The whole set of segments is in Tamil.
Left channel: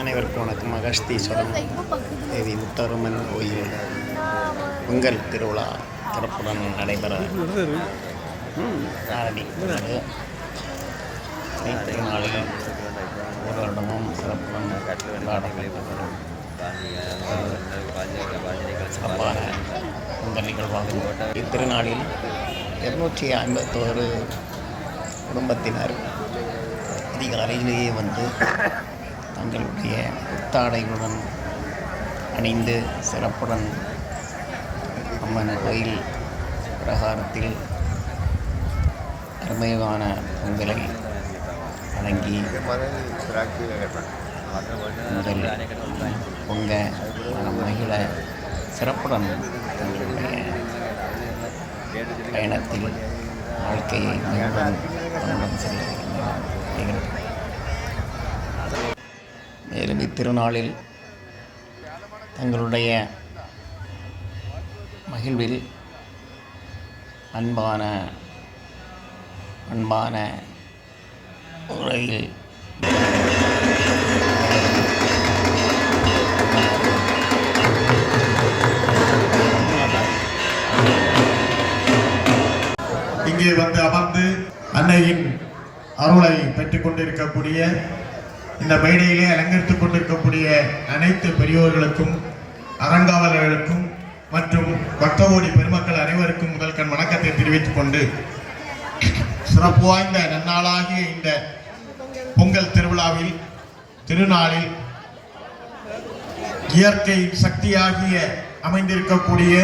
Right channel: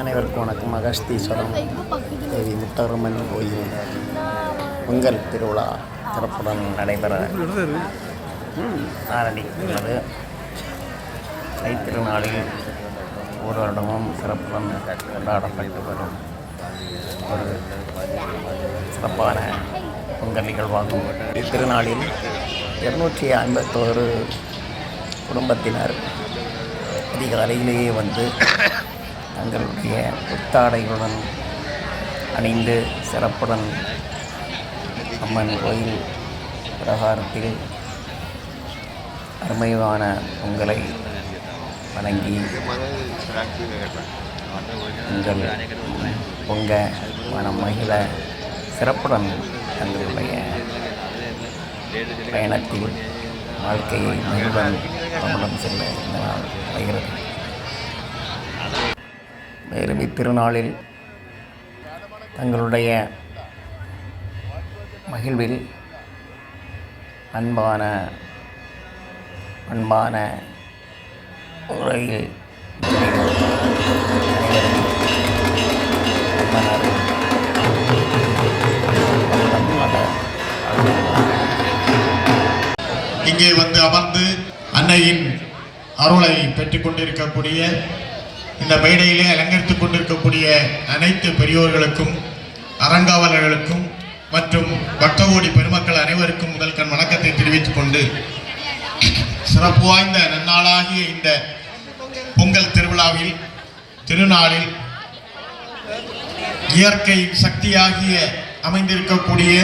அனைவருக்கும் வணக்கம். அகஸ்தீஸ்வரம் தேவி முத்தரம்மன் கோயில் பொங்கல் திருவிழா சிறப்புடன் நடைபெற ஆரம்பிக்கிறது. தைத்திருநாளில் ஒரு வருடமும் சிறப்புடன் கொண்டாடப்பட்டு வரும் ஒரு சிறப்பான பொங்கல் நிகழ்வாகும். இத்திருநாளில் 251 குடும்பத்தினர் அதிகாலையிலேயே வந்து தங்களுடைய புத்தாடைகளுடன் அணிந்து சிறப்புடன் அம்மன் கோயில் பிரகாரத்தில் அருமையான பொங்கலை வழங்கி பொங்கல் பொங்க மனம் மகிழ சிறப்புடன் தங்களுடைய பயணத்தில் வாழ்க்கையை மகிழ்வுடன் நம்முடன் செல்ல இந்த நாள் வருகிறது. மேலும் இத்திருநாளில் தங்களுடைய மகிழ்வில் அன்பான முறையில் இங்கே வந்து அமர்ந்து அன்னையின் அருளை பெற்றுக் கொண்டிருக்கக்கூடிய இந்த மேடையிலே அலங்கரித்துக் கொண்டிருக்கக்கூடிய அனைத்து பெரியோர்களுக்கும் அறங்காவலர்களுக்கும் மற்றும் பக்தகோடி பெருமக்கள் அனைவருக்கும் முதல் கண் வணக்கத்தை தெரிவித்துக் கொண்டு சிறப்பு வாய்ந்த நன்னாளாகிய இந்த பொங்கல் திருநாளில் இயற்கை சக்தியாகிய அமைந்திருக்கக்கூடிய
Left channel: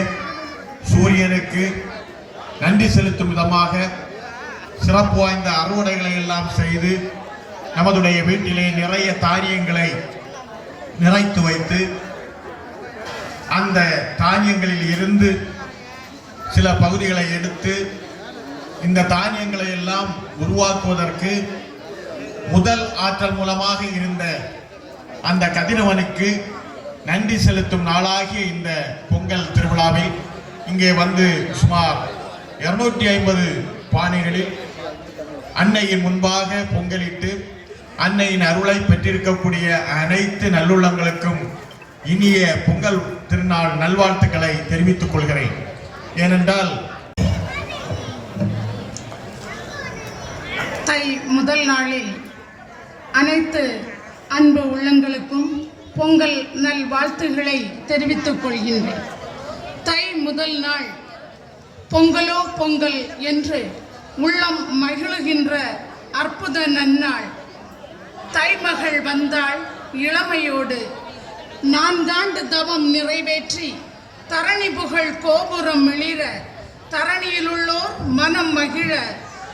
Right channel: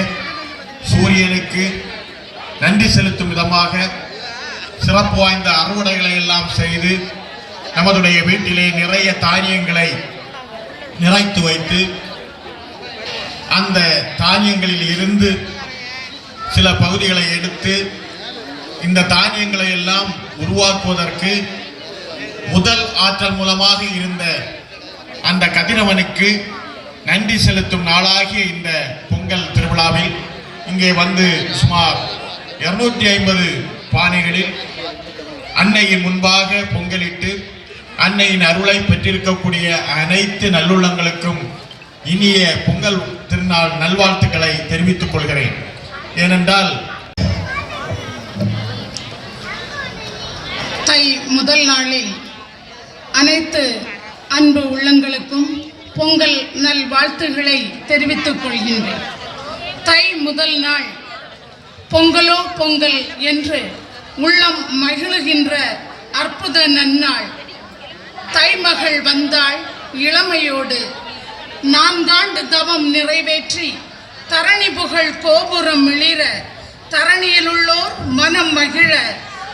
சூரியனுக்கு நன்றி செலுத்தும் விதமாக சிறப்பு வாய்ந்த அறுவடைகளை எல்லாம் செய்து நமதுடைய வீட்டிலே நிறைய தானியங்களை நிறைத்து வைத்து அந்த தானியங்களில் இருந்து சில பகுதிகளை எடுத்து இந்த தானியங்களை எல்லாம் உருவாக்குவதற்கு முதல் ஆற்றல் மூலமாக இருந்த அந்த கதிரவனுக்கு நன்றி செலுத்தும் நாளாகிய இந்த பொங்கல் திருவிழாவில் இங்கே வந்து சுமார் 250 பானைகளில் அன்னையின் முன்பாக பொங்கலிட்டு அன்னையின் அருளை பெற்றிருக்கக்கூடிய அனைத்து நல்லுள்ளங்களுக்கும் இனிய பொங்கல் திருநாள் நல்வாழ்த்துக்களை தெரிவித்துக் கொள்கிறேன். ஏனென்றால் தை முதல் நாளில் அனைத்து அன்பு உள்ளங்களுக்கும் பொங்கல் நல்வாழ்த்துக்களை தெரிவித்துக் கொள்கின்றேன். தை முதல் நாள் பொங்கலோ பொங்கல் என்று உள்ளம் மகிழுகின்ற அற்புத நன்னாள். தைமகள் வந்தாள் இளமையோடு 4 ஆண்டு தவம் நிறைவேற்றி தரணி புகழ் கோபுரம் மிளிர தரணியில் உள்ளோர் மனம் மகிழ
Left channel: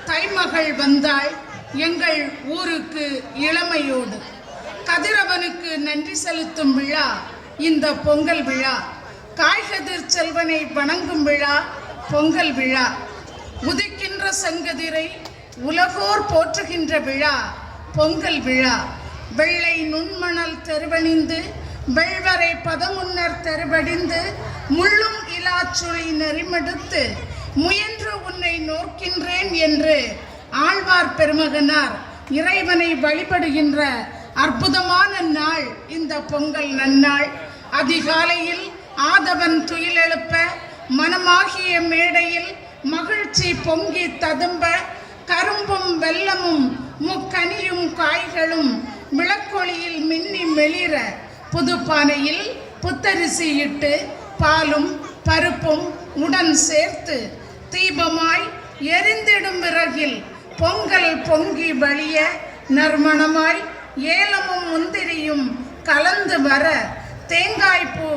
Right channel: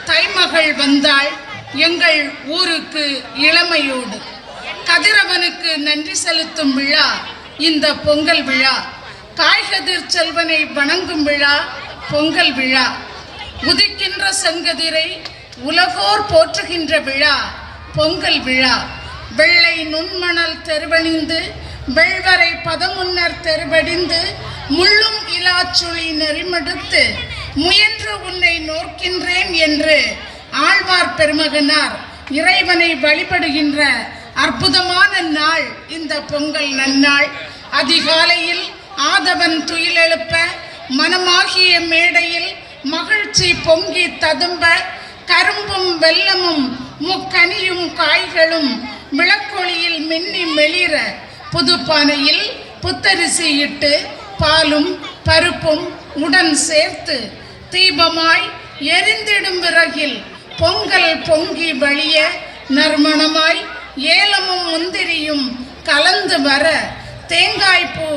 தைமகள் வந்தாள் எங்கள் ஊருக்கு இளமையோடு. கதிரவனுக்கு நன்றி செலுத்தும் விழா இந்த பொங்கல் விழா. காய்கதிர் செல்வனை வணங்கும் விழா பொங்கல் விழா. உதிக்கின்ற செங்கதிரை உலகோர் போற்றுகின்ற விழா பொங்கல் விழா. வெள்ளை நுண்மணல் தெருவணிந்து வெள்வரை பதமுன்னர் தெருவடிந்து முள்ளும் இலாச்சுளி நெறிமடுத்து முயன்று உன்னை நோக்கின்றேன் என்று ஆழ்வார் பெருமகனார் இறைவனை வழிபடுகின்ற அற்புதமான நாள் இந்த பொங்கல் நன்னாள். அதிகாலையில் ஆதவன் துயிலெழுப்ப மனமாகிய மேடையில் மகிழ்ச்சி பொங்கி ததும்ப கரும்பும் வெல்லமும் முக்கனியும் காய்களும் விளக்கொளியில் மின்னி மெளிர புதுப்பானையில் புத்தரிசி இட்டு பாலும் பருப்பும் உடன் சேர்த்து தீபமாய் எரிந்திடும் விறகில் பொங்கல் பொங்கி வழிய நறுமணமாய் ஏலமும் முந்திரியும் கலந்து வர தேங்காய்ப்பூ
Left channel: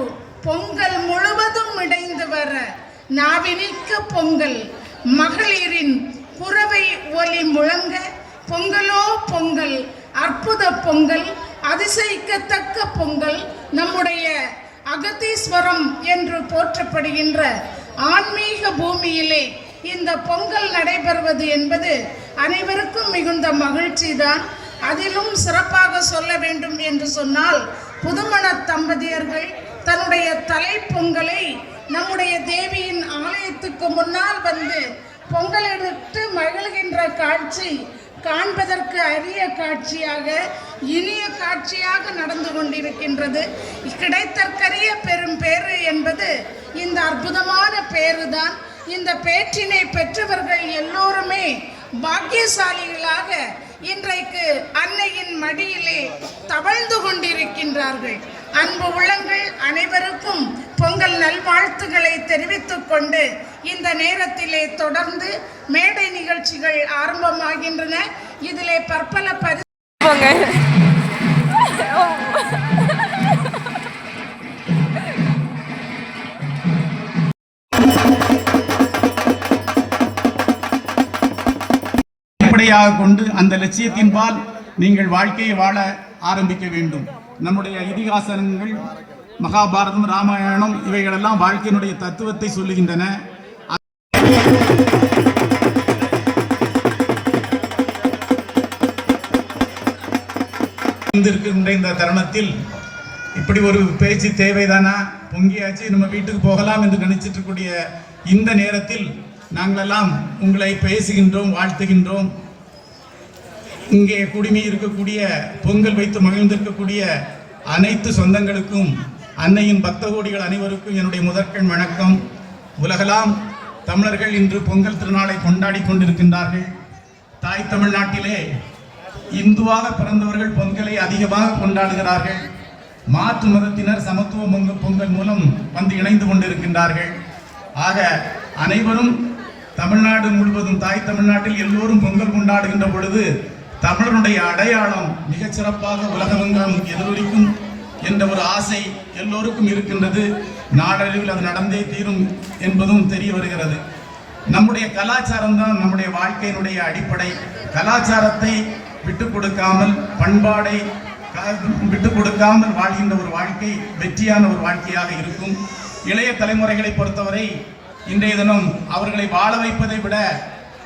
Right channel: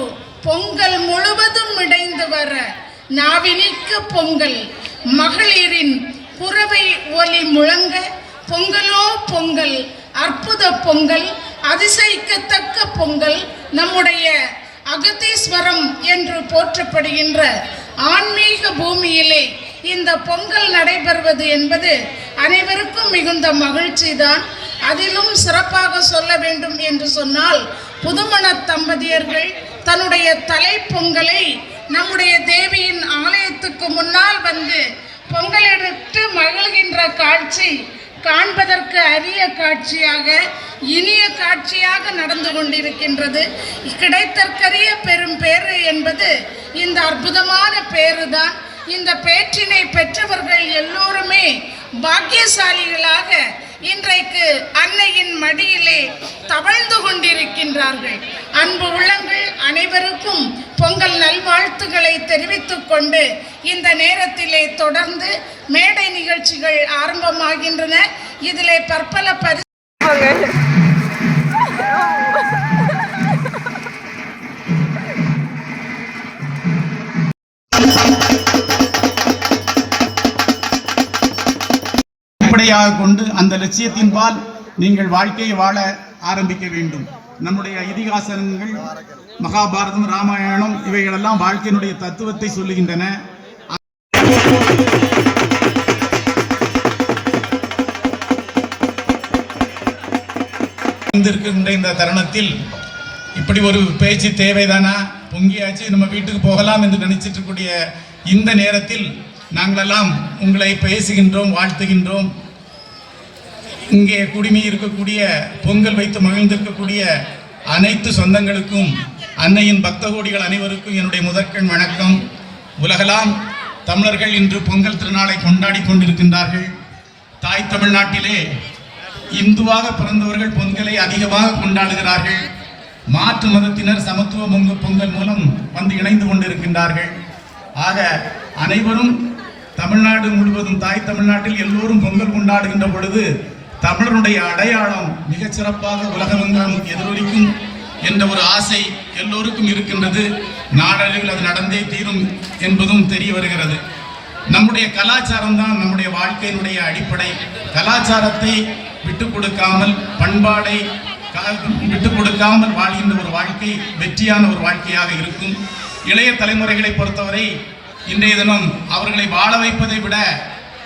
பொங்கல் முழுவதும் இடைந்து வர நாவினிக்கு பொங்கல் மகளிரின் குறவை ஒலி முழங்க பொங்கலோ பொங்கல் அற்புத பொங்கல் அதிசயிக்கத்தக்க பொங்கல். நம்முடைய அகத்தீஸ்வரம் என்று போற்றப்படுகின்ற ஆன்மீக பூமியிலே இந்த பொங்கல் நடைபெறுவது என்பது அனைவருக்கும் மிகுந்த மகிழ்ச்சி தான். அதிலும் சிறப்பாக சொல்ல வேண்டும் என்று சொன்னால் புதுமண தம்பதியர்கள் தன்னுடைய தலை பொங்கலை நம்முடைய தேவியின் ஆலயத்துக்கு முன்னால் வந்து பொங்கலிட்டு மகிழ்கின்ற காட்சி காண்பதற்கு அரிய காட்சியாக, இனிய காட்சியாக நடந்து கொண்டிருக்கின்றது. கிடைத்தற்கரிய பெரும் பேறு என்பது இந்த அற்புதமான பேறுதான். இந்த பேற்றினை பெற்றவர்கள் எல்லோருமே பாக்கியசாலிகளாக இன்றைக்கு அன்னையின் மடியிலே தவழ்ந்து கொண்டிருக்கின்றார்கள். அன்பு உள்ளங்கள் அனைவருக்கும் பொங்கல் நல்வாழ்த்துக்களை தெரிவித்துக் கொண்டு இந்த நேரத்திலே தொடர்ந்து மேடை நிகழ்ச்சிகள் ஆரம்பமாகின்றன. இதிலே பற்பல அடிப்படையாக கொண்டு அந்த லட்சியத்தின்பால் நீங்கள் வாழ்க்கையை வாழ ஆரம்பிக்க வேண்டும். நம்முடைய இதிகாசங்கள், மகாபாரதம், ராமாயணம் இவைகளெல்லாம் வாழ்க்கையினுடைய தத்துவத்தை சொல்லுகின்றன. இந்த தருணத்தில் இப்படி ஒரு பேச்சு தேவைதானா? பொங்கியாச்சு, நம்ம வீட்டுக்கு போகலாம் என்று நினைச்சிட்டு இருக்கக்கூடிய இந்த நேரத்தில் நாங்களெல்லாம் உங்களை பேசுகின்றோம், வாழ்த்துகின்றோம். இங்கே குடிமை இருக்கக்கூடிய, பொங்கல் வைத்து மகிழ்ந்திருக்கக்கூடிய அனைத்து சொந்தங்களுக்கும், அன்னையின் பக்த கோடிகள் அனைவருக்கும் என்னுடைய முதற்கண் வணக்கம். உலகெல்லாம் தமிழர்கள் இன்று பொங்கல் திருநாளை கொண்டாடி கொண்டிருக்கின்றார்கள். தாய் தமிழ்நாட்டிலே இந்துவாக பிறந்தவர்கள் பொங்கலை அதிகமாக கொண்டாடுகிறார்கள். மாற்று மதத்தினர் சமத்துவ பொங்கல் மூலம் வந்து இணைந்து கொண்டிருக்கின்றார்கள். ஆக அனைவரும் தமிழ்நாடு முழுவதும், தாய் தமிழ்நாட்டில் எல்லோரும் பொங்கல் கொண்டாடுகின்ற பொழுது தமிழருடைய அடையாளம் மிகச் சிறப்பாக உலகமெங்கும் எதிரொலிக்கும் என்ற ஒரு ஆசை எல்லோருக்கும் இருக்கின்றது. நாடளவில் அது நடந்தே தீரும் என்பதும் தெரிய வருகிறது. நம்முடைய கலாச்சாரம் தான் நம்முடைய வாழ்க்கையினுடைய அடிப்படை. கலாச்சாரத்தை விட்டுக் கொடுக்காமல், பண்பாடை விட்டுக் கொடுக்காமல் வாழ்கின்ற ஒரு வாழ்க்கை வெற்றியான ஒரு வாழ்க்கையாக இருக்கும். இளைய தலைமுறைகளை பொறுத்தவரை இன்றைய தினம் அவர்களை வாழ வைப்பதை விட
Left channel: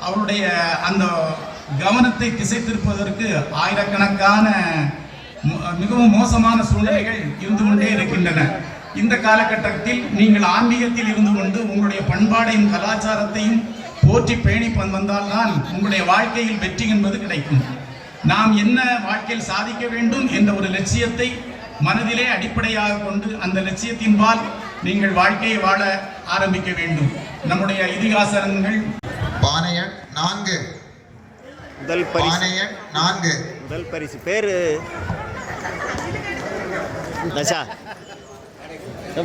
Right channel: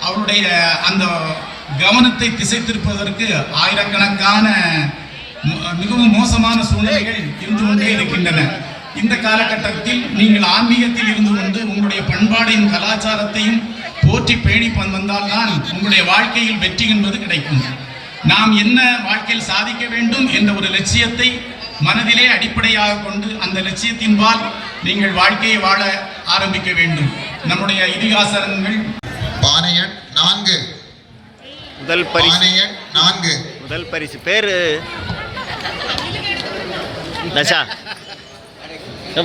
அவருடைய அந்த கவனத்தை திசை திருப்பதற்கு ஆயிரக்கணக்கான மிகவும் மோசமான சூழ்நிலைகள் இருந்து கொண்டே இருக்கின்றன. இந்த காலகட்டத்தில் நீங்கள் ஆன்மீகத்தில் இருந்து கொண்டு உங்களுடைய பண்பாடையும் கலாச்சாரத்தையும் போற்றி பேணி வந்தால்தான் உங்களுடைய வாழ்க்கையில் வெற்றி என்பது கிடைக்கும். நாம் என்ன வாழ்க்கையில் சாதிக்க வேண்டும் என்ற ஒரு லட்சியத்தை மனதிலே அடிப்படையாக கொண்டு அந்த லட்சியத்தின்பால் நீங்கள் வாழ்க்கையை வாழ ஆரம்பிக்க வேண்டும். நம்முடைய இதிகாசங்கள் பானையன் 4 முதல் பரிசு பேரு தஷா.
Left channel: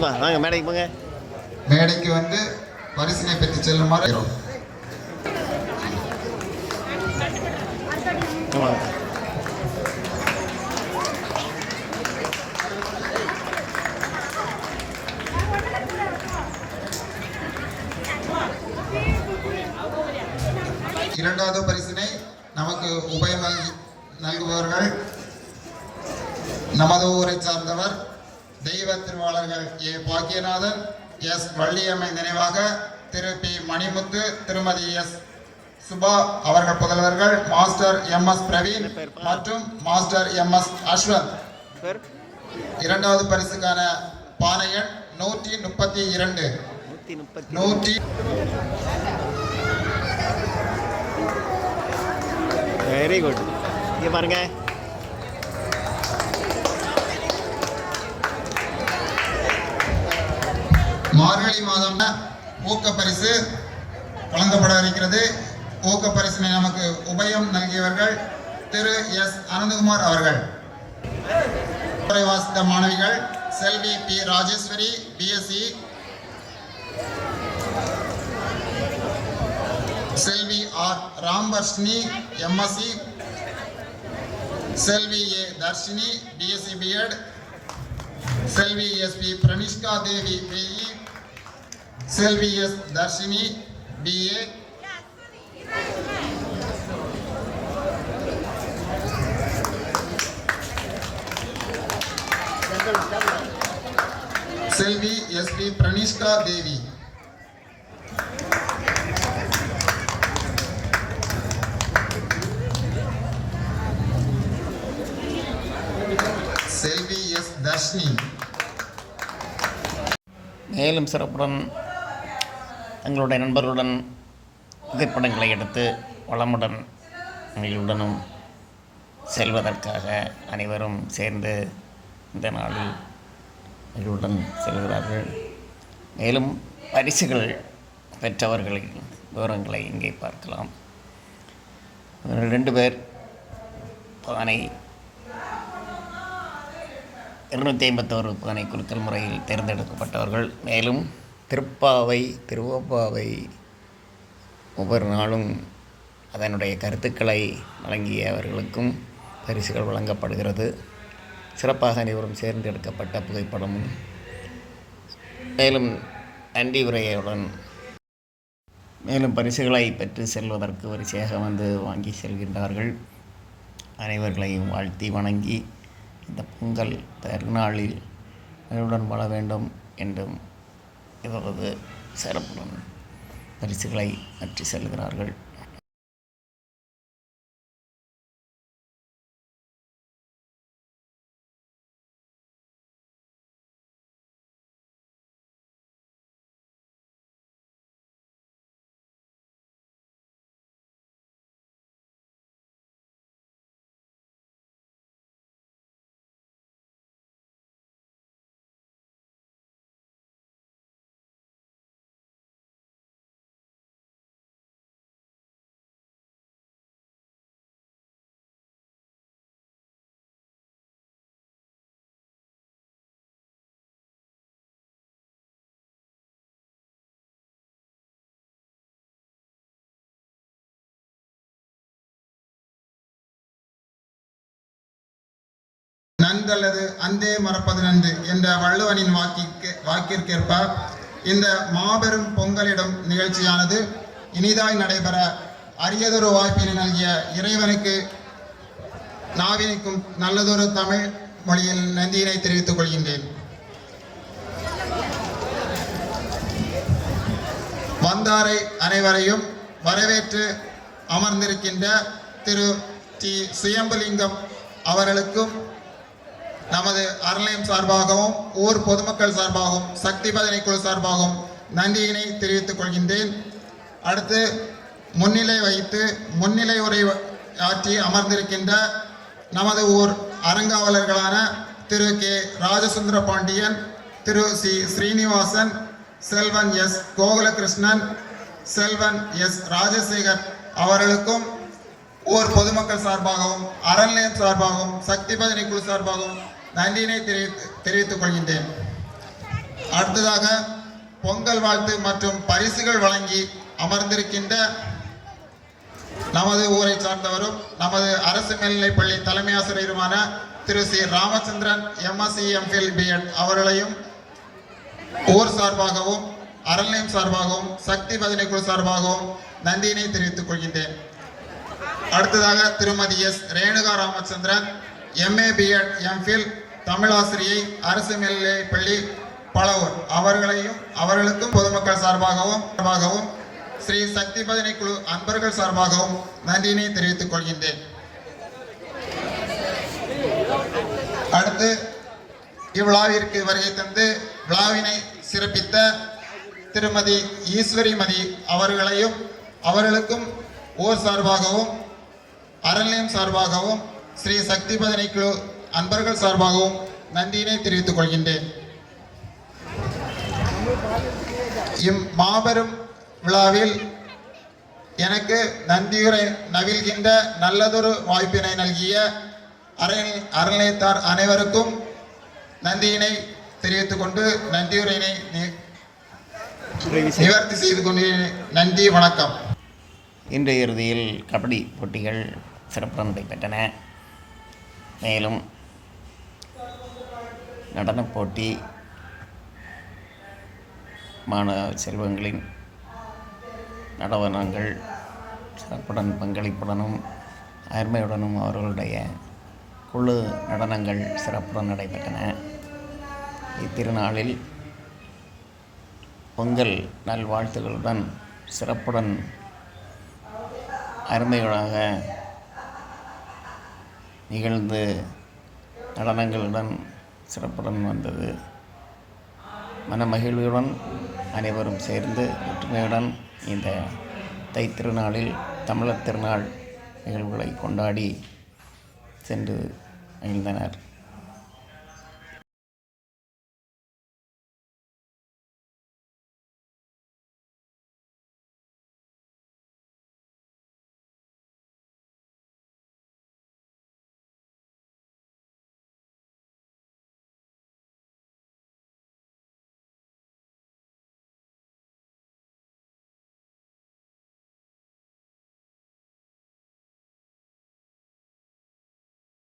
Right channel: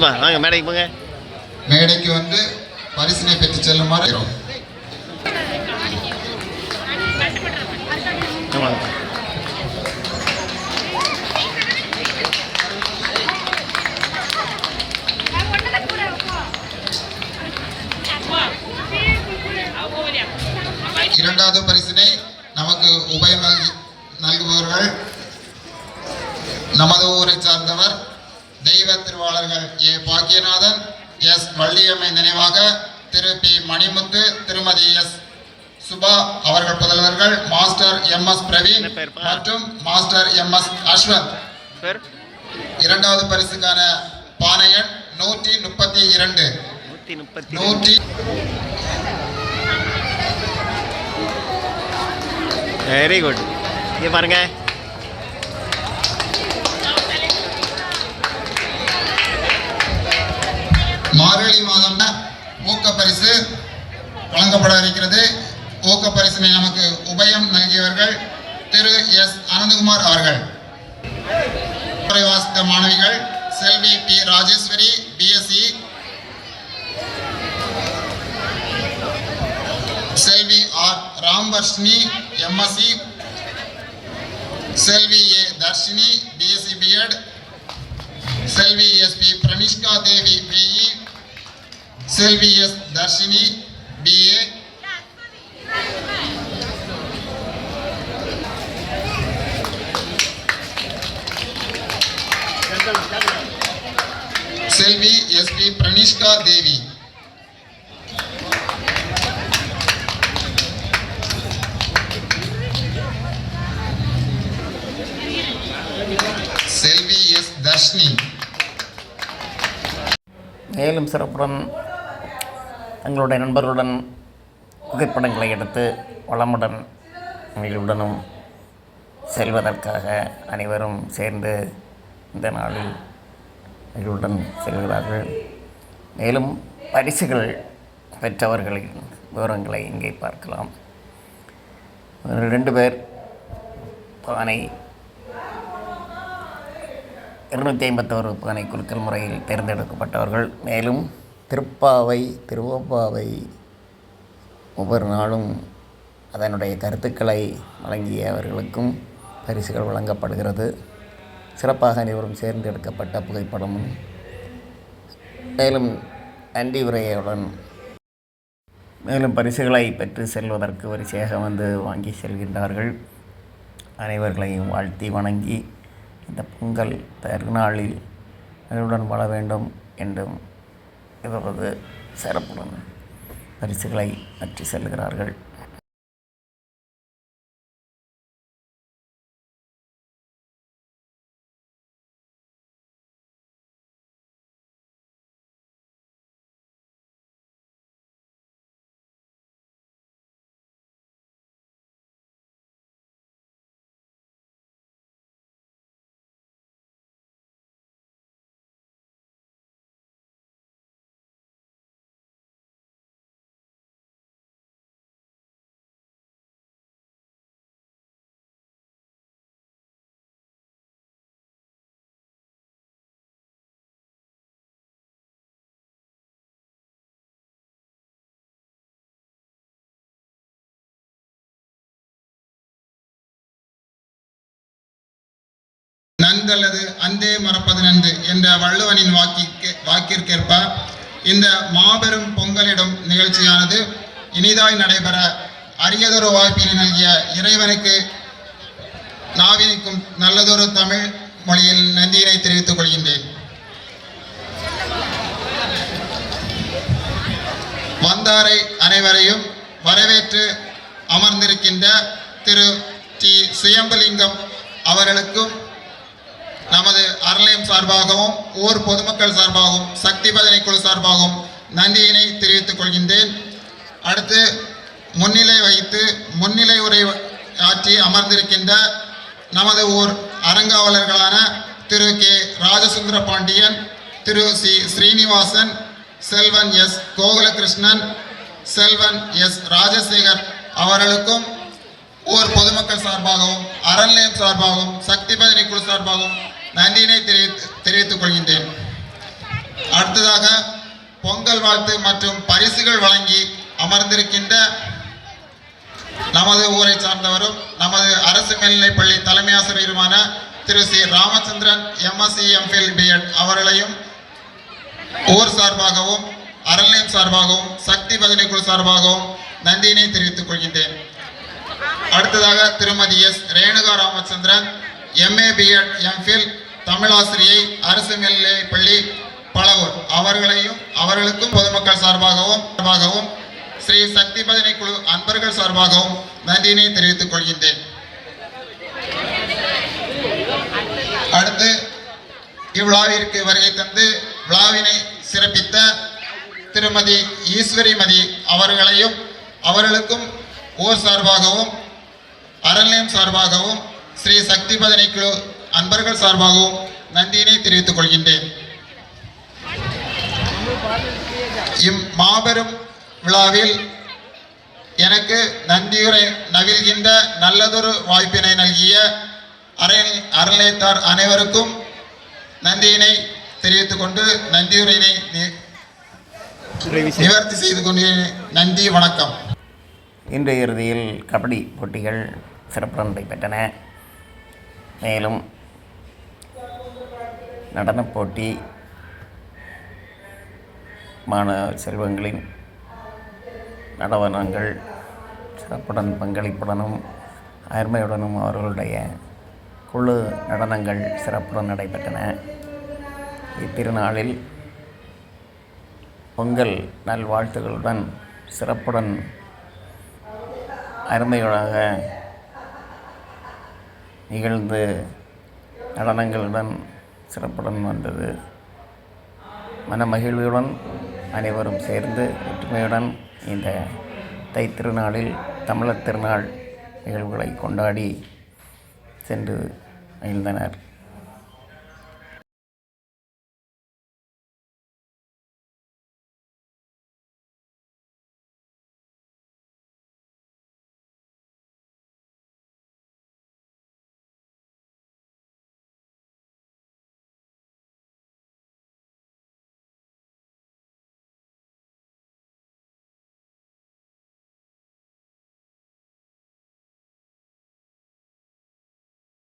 வாங்க மேடைக்கு போங்க. மேடைக்கு வந்து பரிசினை பெற்று செல்லுமாறு. இரண்டாவது பரிசினை நமக்கு உபயம் நல்குபவர்கள் நமது ஊரை சார்ந்தவர் தெய்வ திருவாளர்கள் ஏ பாக்கியநாதன், எஸ் வள்ளியம்மை நினைவாக திரு பி மணிமுத்து, திருமதி எஸ் சுபா அவர்கள் புதல்வர்கள் மாஸ்டர் எம்.எஸ். பிரவீன் மற்றும் மாஸ்டர் எம்.எஸ். அஸ்வந்த். இரண்டாவது பரிசுக்கான பானையன் 132. Very good. இங்க பாருங்க, மார்கழி மாதம் ஊக்க பரிசு வழங்கப்பட இருக்கிறது. ஊக்க பரிசினை நமக்கு உபயம் நல்கியவர்கள் திரு எஸ் அனந்தகுமார் அவர்கள். வாசித்த மாணவிகள் Selvi P Rajeswari BSc, Selvi R Ramvarshini MSc, Selvi A Dharshini BSc BEd, Selvi S P Pranishka Devi BE, Selvi S Dharshini BA, Selvi S P Pranishka Devi, Selvi S Dharshini. மேலும் சிறப்புடன் தங்களுடைய நண்பர்களுடன் புகைப்படங்களை எடுத்து வளமுடன் மகிழ்வுடனும் செல்வதற்காக அனைவரும் சேர்ந்து இந்த நாளில் மகிழ்வுடன் செல்கிறார்கள். மேலும் பரிசுகள் பெற்றவர்களின் விவரங்களை இங்கே பார்க்கலாம். 2 பேர் பானை 251 பானை குலுக்கல் முறையில் தேர்ந்தெடுக்கப்பட்டவர்கள். மேலும் திருவப்பாவை ஒவ்வொரு நாளும் அதனுடைய கருத்துக்களை வழங்கியவர்களுக்கும் பரிசுகள் வழங்கப்படுகிறது. சிறப்பாக அனைவரும் சேர்ந்து எடுக்கப்பட்ட புகைப்படமும் மேலும் நன்றி உரையுடன் மேலும் பரிசுகளை பெற்று செல்வதற்கு வரிசையாக வந்து வாங்கி செல்கின்றார்கள். அனைவர்களையும் வாழ்த்தி வணங்கி இந்த பொங்கல் திருநாளில் மகிழ்வுடன் வாழ வேண்டும் என்றும் இவரது சிறப்புடன் பரிசுகளை பற்றி செல்கிறார்கள். நன்றல்லது அன்றே மறப்பது நன்று என்ற வள்ளுவனின் வாக்கிற்கேற்ப இந்த மாபெரும் பொங்கலிடும் நிகழ்ச்சியானது இனிதாய் நடைபெற அரியதொரு வாய்ப்பினை நல்கிய இறைவனுக்கு நாவினுக்கும் நல்லதொரு தமிழ் மொழியில் நன்றியினை தெரிவித்துக் கொள்கின்றேன். வந்தாரை அனைவரையும் வரவேற்று அமர்ந்திருக்கின்ற திரு டி சுயம்பலிங்கம் அவர்களுக்கும் நமது அறநிலையம் சார்பாகவும் ஊர் பொதுமக்கள் சார்பாகவும் சக்தி பஜனை குழு சார்பாகவும் நன்றியினை தெரிவித்துக் கொள்கின்றேன். அடுத்து முன்னிலை வகித்து முன்னிலை உரை ஆற்றி அமர்ந்திருக்கின்ற நமது ஊர் அறங்காவலர்களான Thiru K Rajasundara Pandian, Thiru C Srinivasan, Selvan S Gokulakrishnan, Selvan S Rajasekar அவர்களுக்கும் ஊர் பொதுமக்கள் சார்பாகவும் அறநிலையம் சார்பாகவும் சக்தி பஜனை குழு சார்பாகவும் நன்றியினை தெரிவித்துக் கொள்கின்றேன். அடுத்ததாக பொங்கல் வாழ்த்து மற்றும் பரிசுகள் வழங்கி அமர்ந்திருக்கின்ற நமது ஊரை சார்ந்தவரும் நமது அரசு மேல்நிலைப்பள்ளி தலைமை ஆசிரியருமான Thiru C Ramachandran MSc MPhil B.Ed அவர்களையும் ஊர் சார்பாகவும் அறநிலையம் சார்பாகவும் சக்தி பஜனை குழு சார்பாகவும் நன்றியினை தெரிவித்துக் கொள்கின்றேன். அடுத்ததாக திருமதி S Renuka Ramachandran MA B.Ed MPhil தமிழாசிரியை அரசு மேல்நிலைப்பள்ளி பலவூர் அவர்களுக்கும் பொதுமக்கள் சார்பாகவும் ஸ்ரீ சக்தி பஜனை குழு அன்பர்கள் சார்பாகவும் நன்றியினை தெரிவித்துக் கொள்கின்றேன். அடுத்து இவ்விழாவிற்கு வருகை தந்து விழாவினை சிறப்பித்த திருமதி ஈஸ்வரிமதி அவர்களுக்கும் ஊர் சார்பாகவும் அறநிலையம் சார்பாகவும் ஸ்ரீ சக்தி பஜனை குழு அன்பர்கள் சார்பாகவும் நன்றியினை தெரிவித்துக் கொள்கின்றேன். இம்மாபெரும் விழாவில் எனக்கு நன்றியுரை நவில்கின்ற நல்லதொரு வாய்ப்பினை நல்கிய அறநிலையத்தார் அனைவருக்கும் நன்றியினை தெரிவித்துக் கொண்டு நன்றியுரையினை நிவர்த்தி செய்து கொண்டு நன்றி, வணக்கம். இன்றைய இறுதியில் கபடி போட்டிகள் சிறப்புடன் நடைபெற்றன. மேலும் நடனப் போட்டி மாணவ செல்வங்களின் நடனங்கள் சிறப்புடன் பங்களிப்புடனும் அருமையுடனும் அவர்களுடைய குழு நடனங்கள் சிறப்புடன் நடைபெற்றன. இத்திருநாளில் பொங்கல் நல்வாழ்த்துகளுடன் சிறப்புடன் அருமையாக நிகழ்ந்து நடனங்களுடன் சிறப்புடன் வந்தது. மனமகிழ்வுடன் அனைவரும் சேர்ந்து ஒற்றுமையுடன் இந்த தைத்திருநாளில் தமிழர் திருநாள் நிகழ்வுகளை கொண்டாடி சென்று மகிழ்ந்தனர்.